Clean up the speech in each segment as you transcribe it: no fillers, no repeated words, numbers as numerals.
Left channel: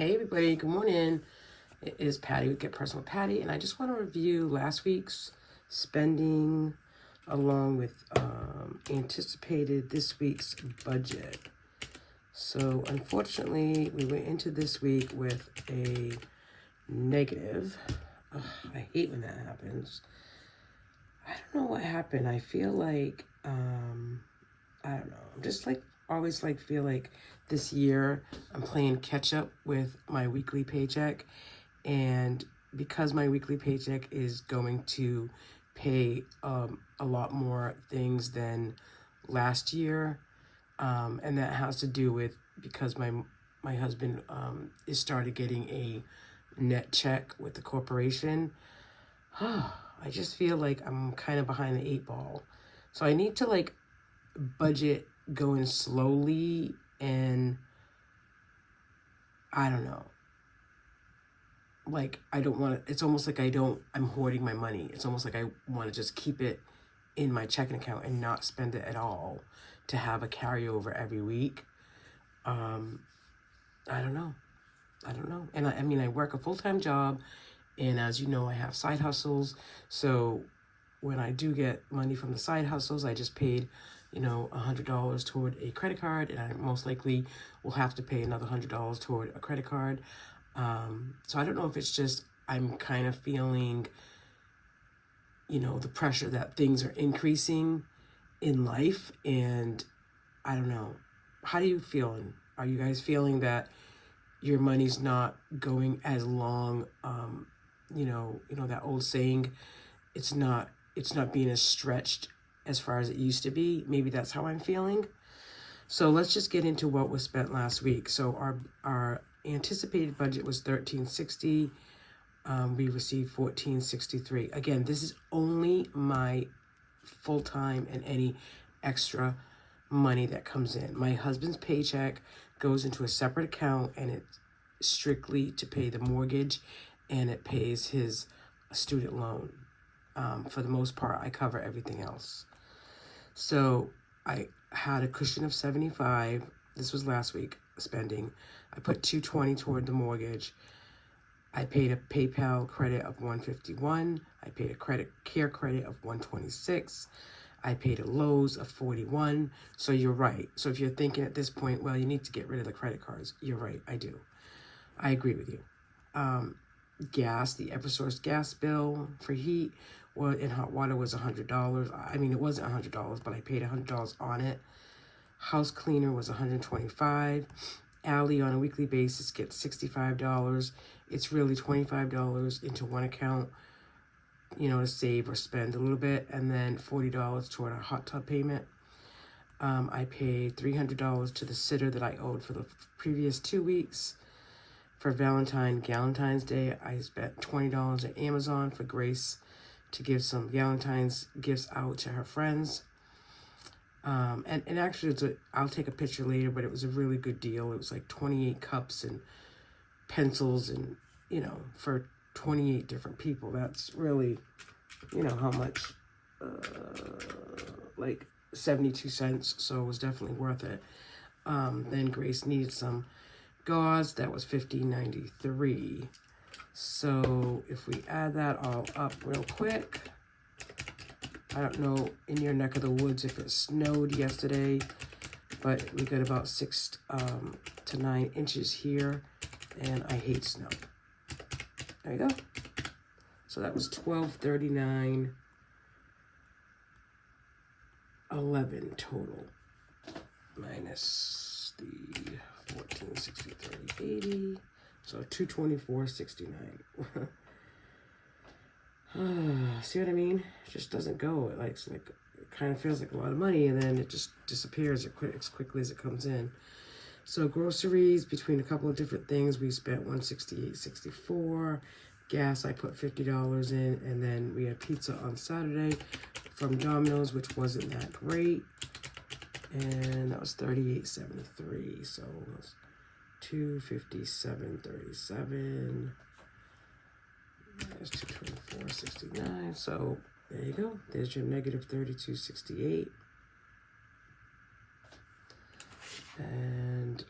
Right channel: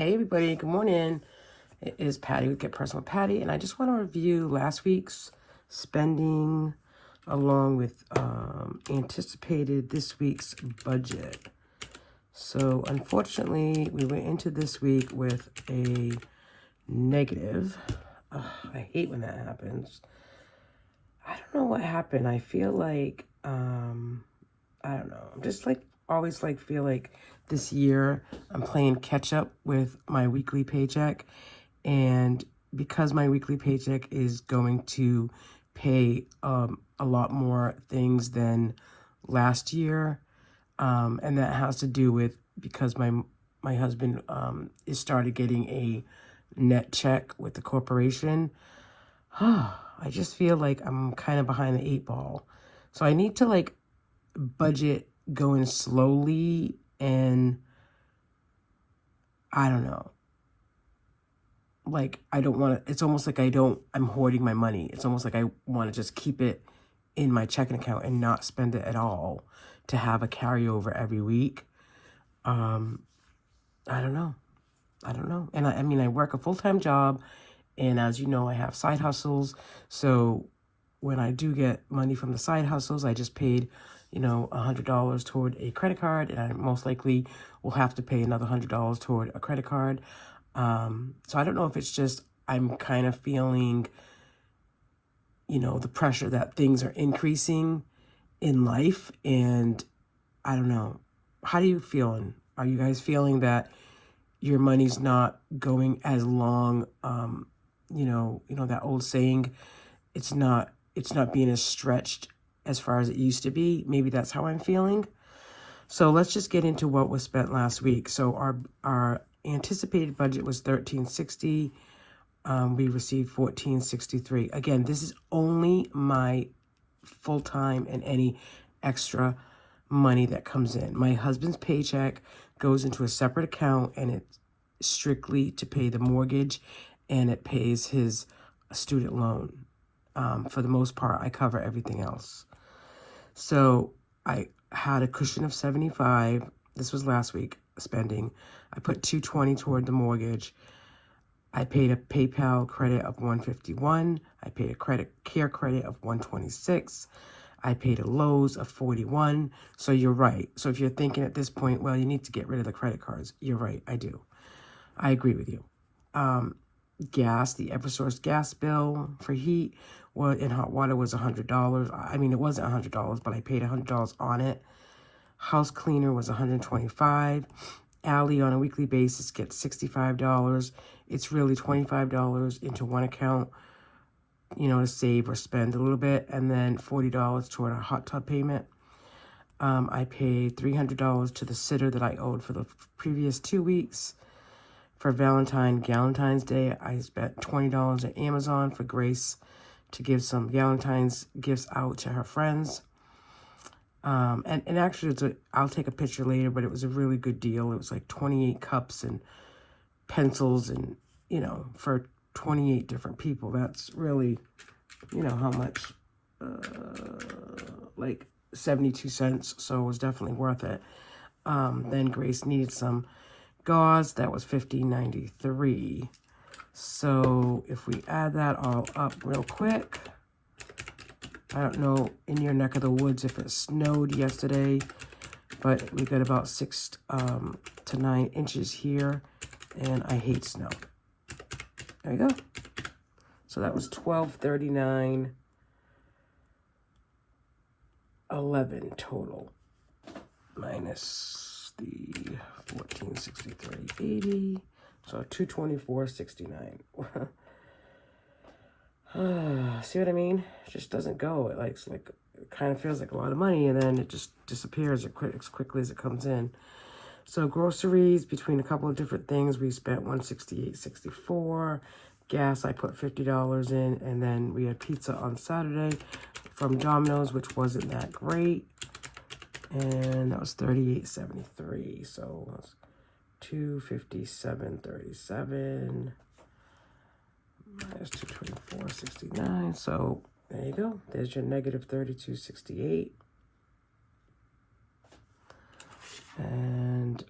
Hey everybody, good morning. It is Patty with Get Personal Patty, and I just want to review last week's spending along with anticipated this week's budget. So unfortunately, we went into this week with a negative. I hate when that happens. I don't know what happened. I feel like, I don't know. I'm just like, always like feel like this year I'm playing catch up with my weekly paycheck, and because my weekly paycheck is going to pay a lot more things than last year, and that has to do with because my husband is started getting a net check with the corporation. I just feel like I'm kind of behind the eight ball, so I need to like budget going slowly, and I don't know, like I don't want to, it's almost like I'm hoarding my money. It's almost like I want to just keep it in my checking account and not spend it at all to have a carryover every week. I don't know. And I mean, I work a full-time job, and as you know, I have side hustles. So when I do get money from the side hustles, I just paid $100 toward a credit card, and I most likely will have to pay another $100 toward a credit card. So I don't know if it's just I'm kind of feeling, the pressure that things are increasing in life, and I don't know. How are you feeling? Are you guys feeling that your money's not going as long? That old saying, it's not being as stretched as far as it used to be. Maybe that's how I'm feeling. So let's just get into what was spent last week. So our anticipated budget was $1360. We received $1463. Again, this is only my full-time and any extra money that comes in. My husband's paycheck goes into a separate account, and it's strictly to pay the mortgage, and it pays his student loan. For the most part, I cover everything else. So I had a cushion of 75. This was last week spending. I put 220 toward the mortgage. I paid a PayPal credit of 151. I paid a credit care credit of 126. I paid a Lowe's of 41. So you're right. So if you're thinking at this point, well, you need to get rid of the credit cards, you're right. I do. I agree with you. Gas, the Eversource gas bill for heat in hot water was $100. I mean, it wasn't $100, but I paid $100 on it. House cleaner was $125. Allie on a weekly basis gets $65. It's really $25 into one account, to save or spend a little bit, and then $40 toward a hot tub payment. I paid $300 to the sitter that I owed for the previous 2 weeks. For Valentine's Day, I spent $20 at Amazon for Grace to give some Valentine's gifts out to her friends. And actually, I'll take a picture later, but it was a really good deal. It was like 28 cups and pencils, and, for 28 different people. That's really, how much, like 72 cents. So it was definitely worth it. Then Grace needed some gauze. That was $15.93. So if we add that all up real quick, I don't know in your neck of the woods if it snowed yesterday, but we got about 6 to 9 inches here, and I hate snow. There you go. So that was $12.39.11 total, minus the 1463.80, so $224.69. See what I mean? It just doesn't go. It kind of feels like a lot of money, and then it just disappears as quickly as it comes in. So groceries, between a couple of different things, we spent $168.64. Gas, I put $50 in, and then we had pizza on Saturday from Domino's, which wasn't that great, and that was $38.73. So that's $257.37. There's $224.69. So there you go. There's your negative $32.68. And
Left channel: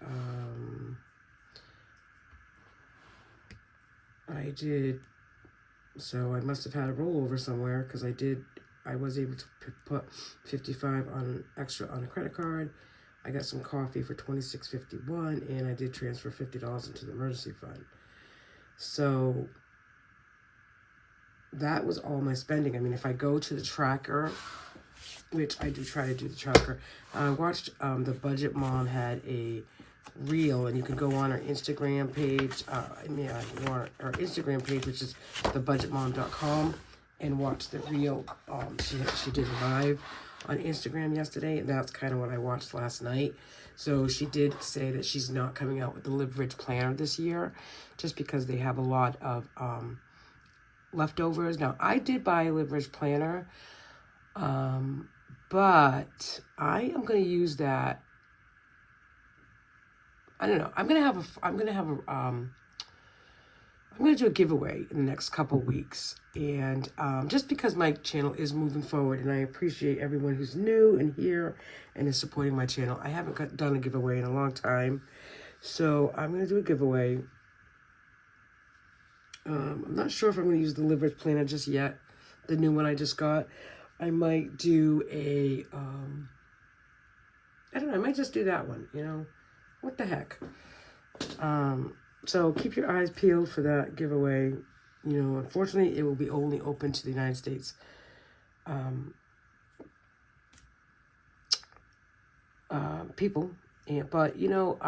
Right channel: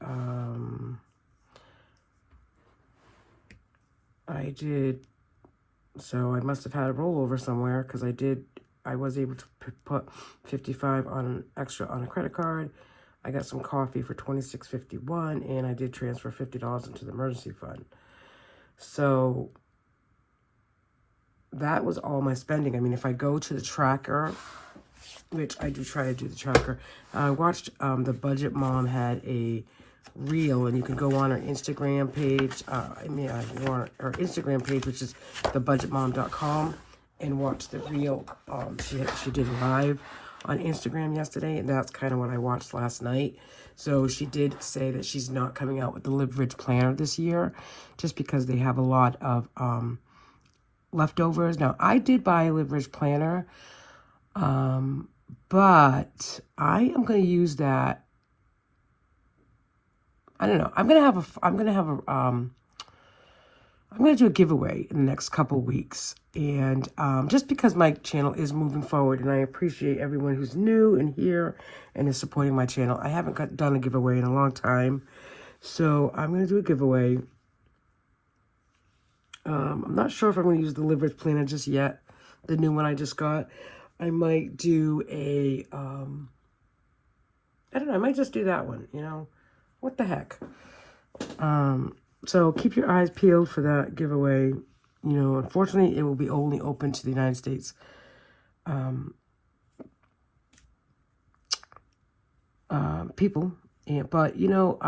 I did, so I must have had a rollover somewhere, because I was able to put 55 on extra on a credit card. I got some coffee for $26.51, and I did transfer $50 into the emergency fund. So that was all my spending. I mean, if I go to the tracker, which I do try to do the tracker, I watched the Budget Mom had a reel, and you can go on her Instagram page, her Instagram page, which is thebudgetmom.com, and watch the reel. She did live on Instagram yesterday, and that's kind of what I watched last night. So she did say that she's not coming out with the Live Rich planner this year, just because they have a lot of leftovers. Now, I did buy a Live Rich planner, but I am going to use that. I don't know. I'm going to do a giveaway in the next couple weeks. And just because my channel is moving forward, and I appreciate everyone who's new and here and is supporting my channel. I haven't done a giveaway in a long time. So I'm going to do a giveaway. I'm not sure if I'm going to use the Live Rich planner just yet. The new one I just got. I might do a, I don't know. I might just do that one, you know. What the heck? So keep your eyes peeled for that giveaway. You know, unfortunately, it will be only open to the United States people. Yeah, but, you know,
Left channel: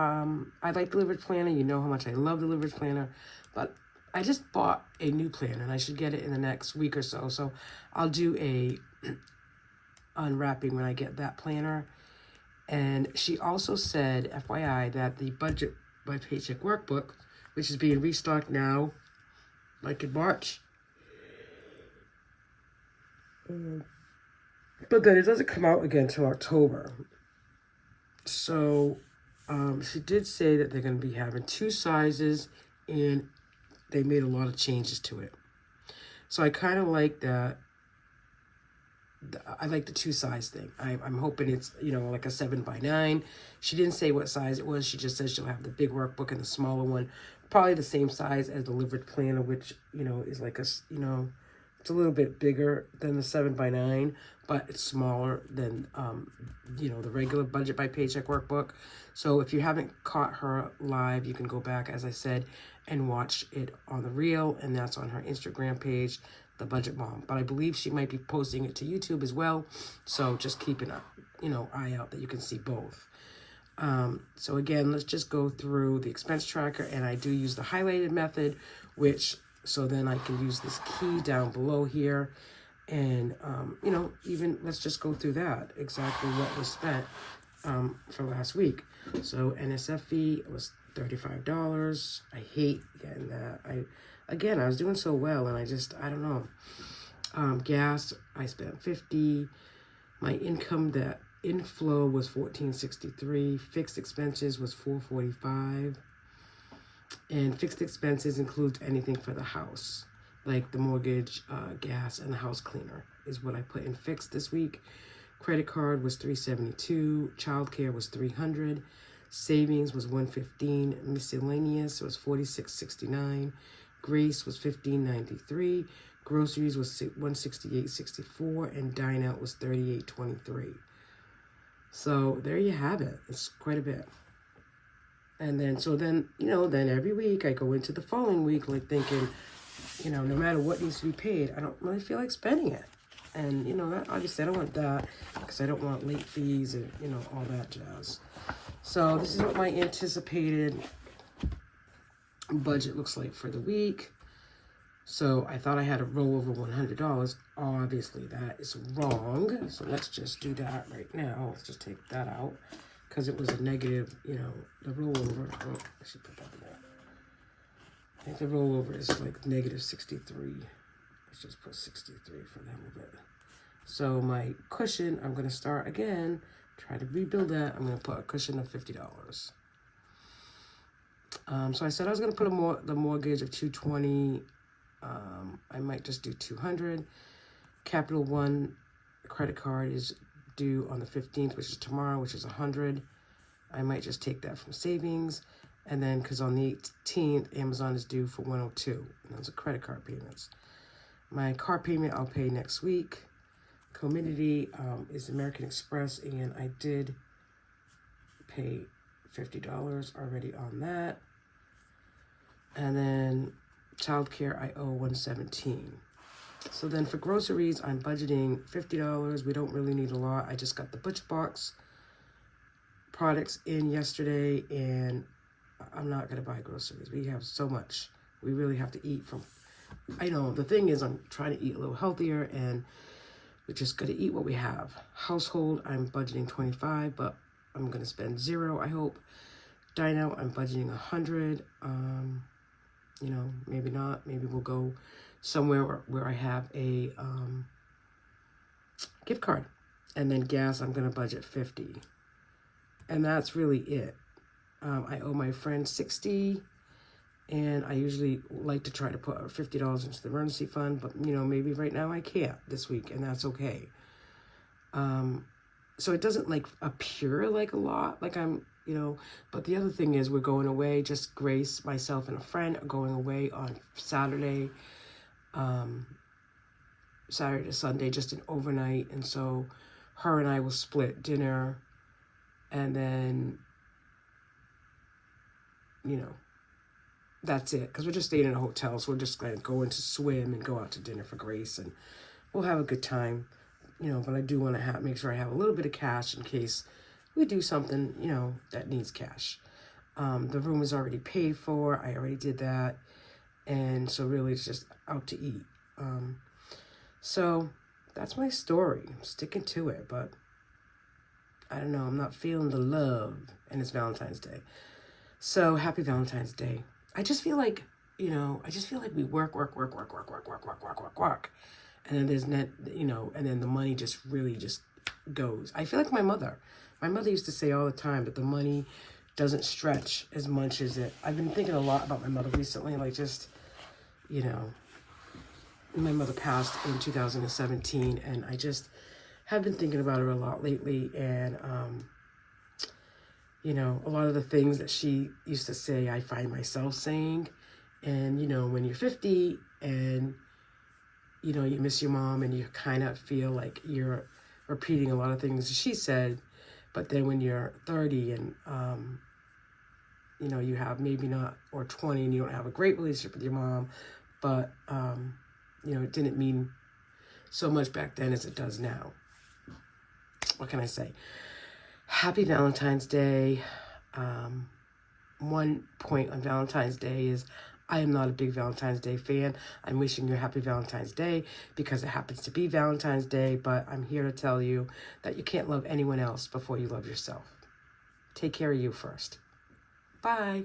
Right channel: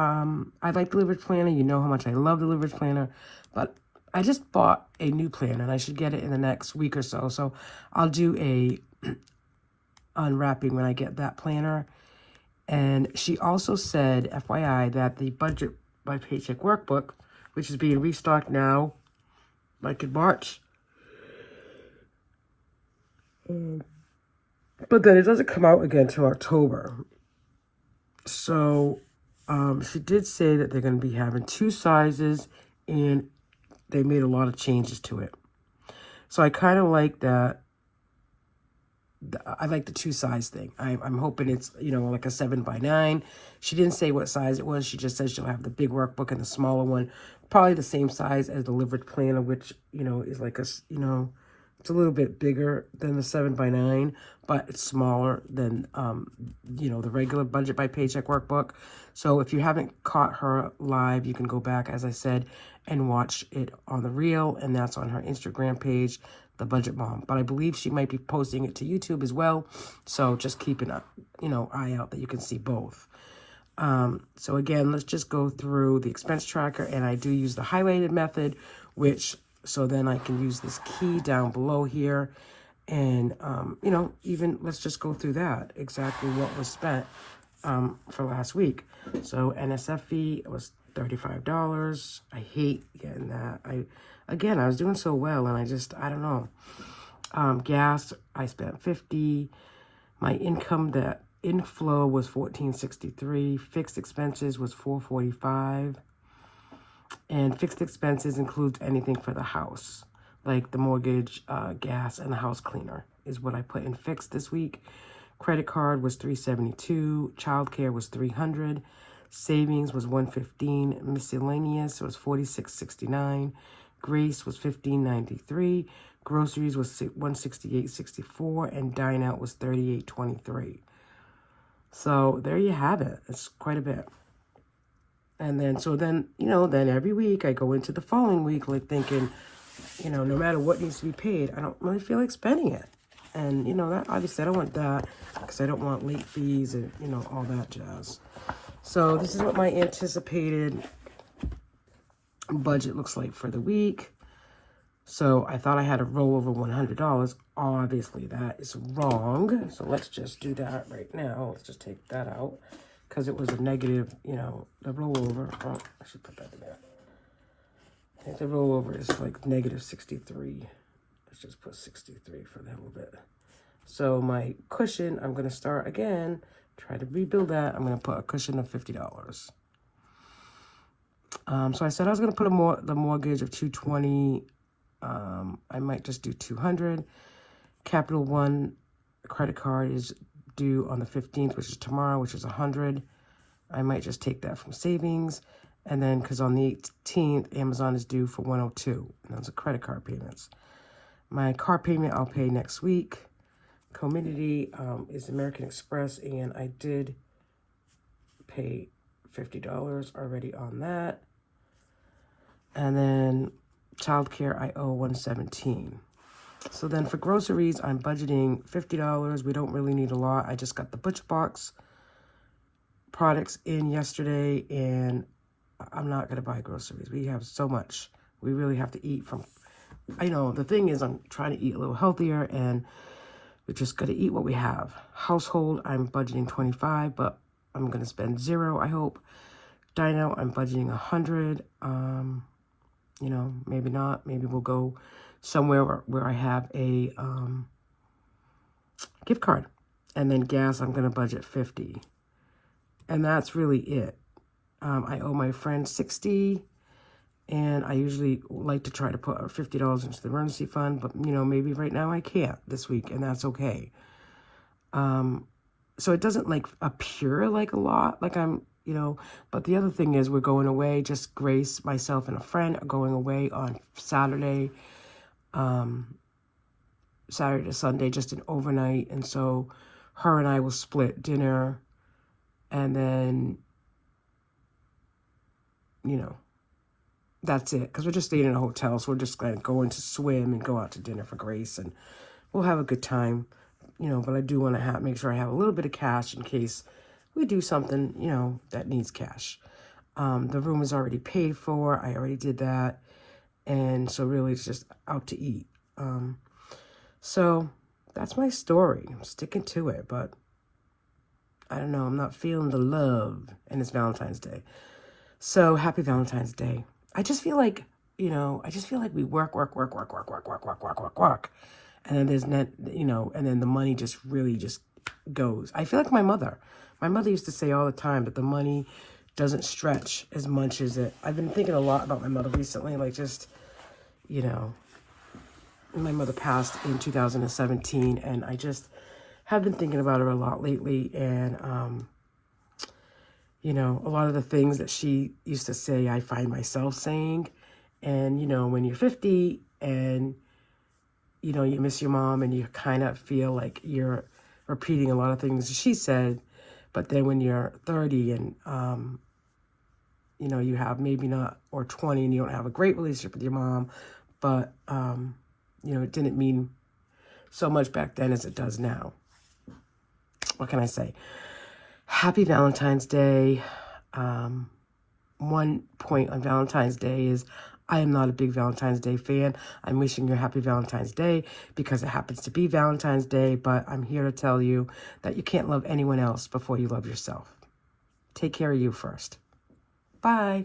I like the Live Rich planner. You know how much I love the Live Rich planner. But I just bought a new planner, and I should get it in the next week or so. So I'll do a unwrapping when I get that planner. And she also said, FYI, that the Budget by Paycheck workbook, which is being restocked now, like in March, but then it doesn't come out again till October. So she did say that they're going to be having 2 sizes, and they made a lot of changes to it. So I kind of like that. I like the 2 size thing. I'm hoping it's, you know, like a 7x9. She didn't say what size it was. She just said she'll have the big workbook and the smaller one. Probably the same size as the Live Rich planner, which, you know, is like a, you know, it's a little bit bigger than the 7x9, but it's smaller than, you know, the regular Budget by Paycheck workbook. So if you haven't caught her live, you can go back, as I said, and watch it on the reel, and that's on her Instagram page, The Budget Mom. But I believe she might be posting it to YouTube as well, so just keep an eye out that you can see both. So again, let's just go through the expense tracker, and I do use the highlighted method, which, so then I can use this key down below here, and you know, even let's just go through that, exactly what was spent for last week. So NSF fee was $35. I hate getting that. I was doing so well, and I don't know. Gas, I spent $50. My income, that inflow was $14.63. Fixed expenses was $4.45. And fixed expenses includes anything for the house, like the mortgage, gas, and the house cleaner is what I put in fixed this week. Credit card was $372. Childcare was $300. Savings was $115. Miscellaneous was $46.69. Grace was $15.93. Groceries was $168.64, and dine out was $38.23. So there you have it. It's quite a bit. And then, so then, you know, then every week I go into the following week, like thinking, you know, no matter what needs to be paid, I don't really feel like spending it. And, you know, that obviously I don't want that, because I don't want late fees and, you know, all that jazz. So this is what my anticipated budget looks like for the week. So I thought I had to roll over $100. Obviously that is wrong. So let's just do that right now. Let's just take that out, because it was a negative, you know, the rollover. Oh, I should put that in there. I think the rollover is like negative 63. Let's just put 63 for that little bit. So my cushion, I'm going to start again, try to rebuild that. I'm going to put a cushion of $50. So I said I was going to put the mortgage of $220. I might just do $200. Capital One credit card is due on the 15th, which is tomorrow, which is $100. I might just take that from savings. And then, because on the 18th, Amazon is due for 102. And those are credit card payments. My car payment I'll pay next week. Community is American Express, and I did pay $50 already on that. And then childcare, I owe $117. So then for groceries, I'm budgeting $50. We don't really need a lot. I just got the Butcher Box products in yesterday, and I'm not going to buy groceries. We have so much. We really have to eat from... I know, the thing is, I'm trying to eat a little healthier, and we just got to eat what we have. Household, I'm budgeting $25, but I'm going to spend $0, I hope. Dine out, I'm budgeting $100. You know, maybe not. Maybe we'll go somewhere where I have a gift card. And then gas, I'm going to budget $50. And that's really it. I owe my friend $60. And I usually like to try to put $50 into the emergency fund. But, you know, maybe right now I can't this week. And that's okay. So it doesn't, like, appear like a lot. Like I'm... You know, but the other thing is we're going away. Just Grace, myself, and a friend are going away on Saturday. Saturday to Sunday, just an overnight. And so her and I will split dinner. And then, you know, that's it. Because we're just staying in a hotel. So we're just going to go in to swim and go out to dinner for Grace. And we'll have a good time. You know, but I do want to make sure I have a little bit of cash in case we do something, you know, that needs cash. The room is already paid for. I already did that. And so really it's just out to eat. So that's my story. I'm sticking to it, but I don't know. I'm not feeling the love. And it's Valentine's Day. So happy Valentine's Day. I just feel like, you know, we work. And then there's you know, and then the money just really just goes. I feel like my mother. My mother used to say all the time that the money doesn't stretch as much as it... I've been thinking a lot about my mother recently, like just, you know, my mother passed in 2017, and I just have been thinking about her a lot lately, and, you know, a lot of the things that she used to say, I find myself saying, and, you know, when you're 50 and, you know, you miss your mom and you kind of feel like you're repeating a lot of things she said. But then when you're 30 and, you know, you have maybe not, or 20 and you don't have a great relationship with your mom, but, you know, it didn't mean so much back then as it does now. What can I say? Happy Valentine's Day. One point on Valentine's Day is I am not a big Valentine's Day fan. I'm wishing you a happy Valentine's Day because it happens to be Valentine's Day, but I'm here to tell you that you can't love anyone else before you love yourself. Take care of you first. Bye.